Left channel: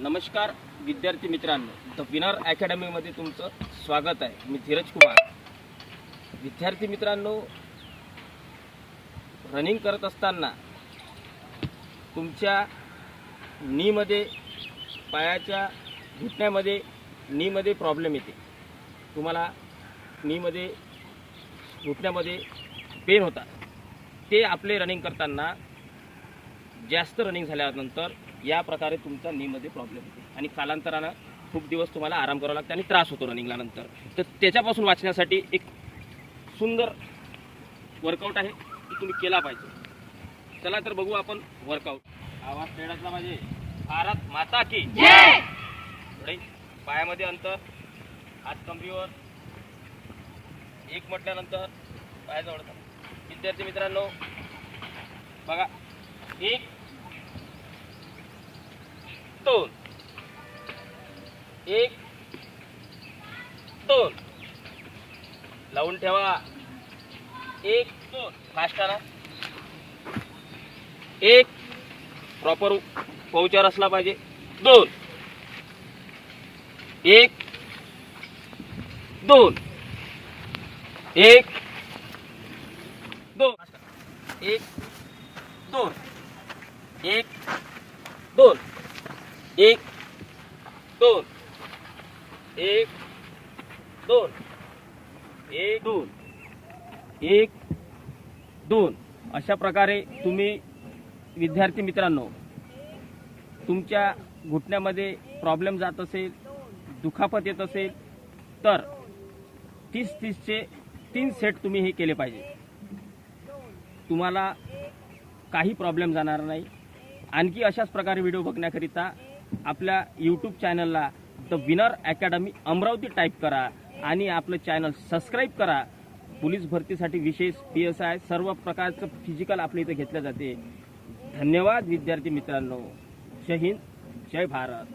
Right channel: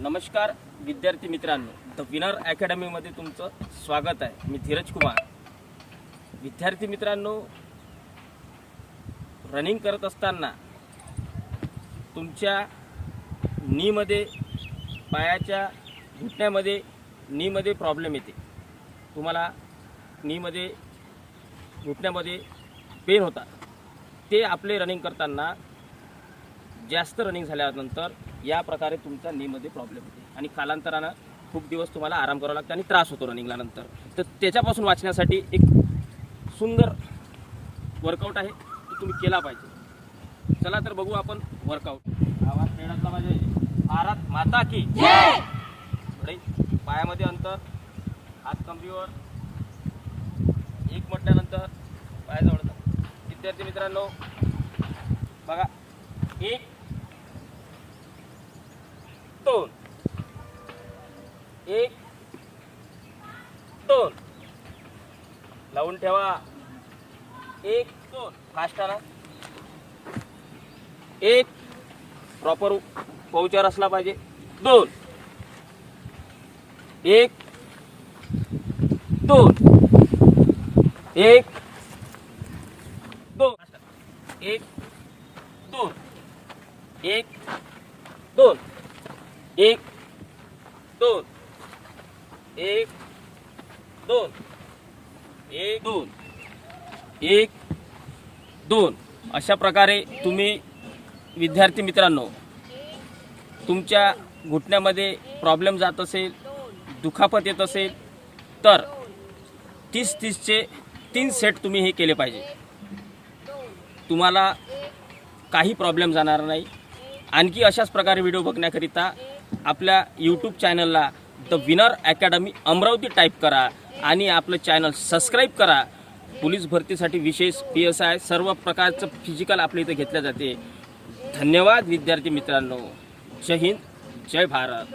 नमस्कार विद्यार्थी मित्रांनो, द विनर अकॅडमीमध्ये तुमचं स्वागत आहे। मी धीरज कुमार। विद्यार्थी मित्रांनो, रनिंग करत असताना तुमच्या नीमध्ये, पायाच्या घुटण्यामध्ये, नीमध्ये प्रॉब्लेम येते। तुम्हाला नीमध्ये, घुटण्यामध्ये पेन होता। ते आपले रनिंग करताना जास्त रनिंग झाल्यानंतर या प्रकारे तुमचा नीमध्ये प्रॉब्लेम होते आणि कालांतराने खूप दिवस तुम्हाला आराम करावा लागतो आणि त्रास होतो रनिंगला नंतर। तर त्याच्यापासून वाचण्यासाठी एक सुंदर वर्कआउट आहे, की तुम्ही केला पाहिजे। चला तर बघू आपण वर्कआउट। आवाज खेळायला पाहिजे। भारत माता की जय। थोडे पायामध्ये अंतर, हात कंबीवर, एक म्हटल्यानंतर पाय जवळ। विद्यार्थी मित्रांनो बघा, 1 2 1 2 लावून ठेवा। 1 2 फास्ट आला। 1 प्रॉपर पोचार असला पाहिजे। 2 1 2 1 2 1 2 1 2 1 2 1 2 1 2 1 2 अशा प्रकारे तुम्ही विद्यार्थी मित्रांनो, तुमच्या घुटण्यामध्ये प्रॉब्लेम जात असेल, दुखापत येत असेल तर 30-30चे 3 सेट तुम्ही हे केले पाहिजे। तुम्हाला काही प्रॉब्लेम जाणार नाही। आणखी अशाच प्रकारे व्हिडिओ बघण्याकरिता आपल्या यूट्यूब चॅनलला the winner academy Amravati type करा आणि आपलं चॅनल सबस्क्राईब करा। पोलीस भरतीसाठी विशेष PSI सर्व प्रकारचं फिजिकल आपल्या इथे घेतल्या जाते। धन्यवाद विद्यार्थी मित्रांनो। जय हिंद, जय भारत।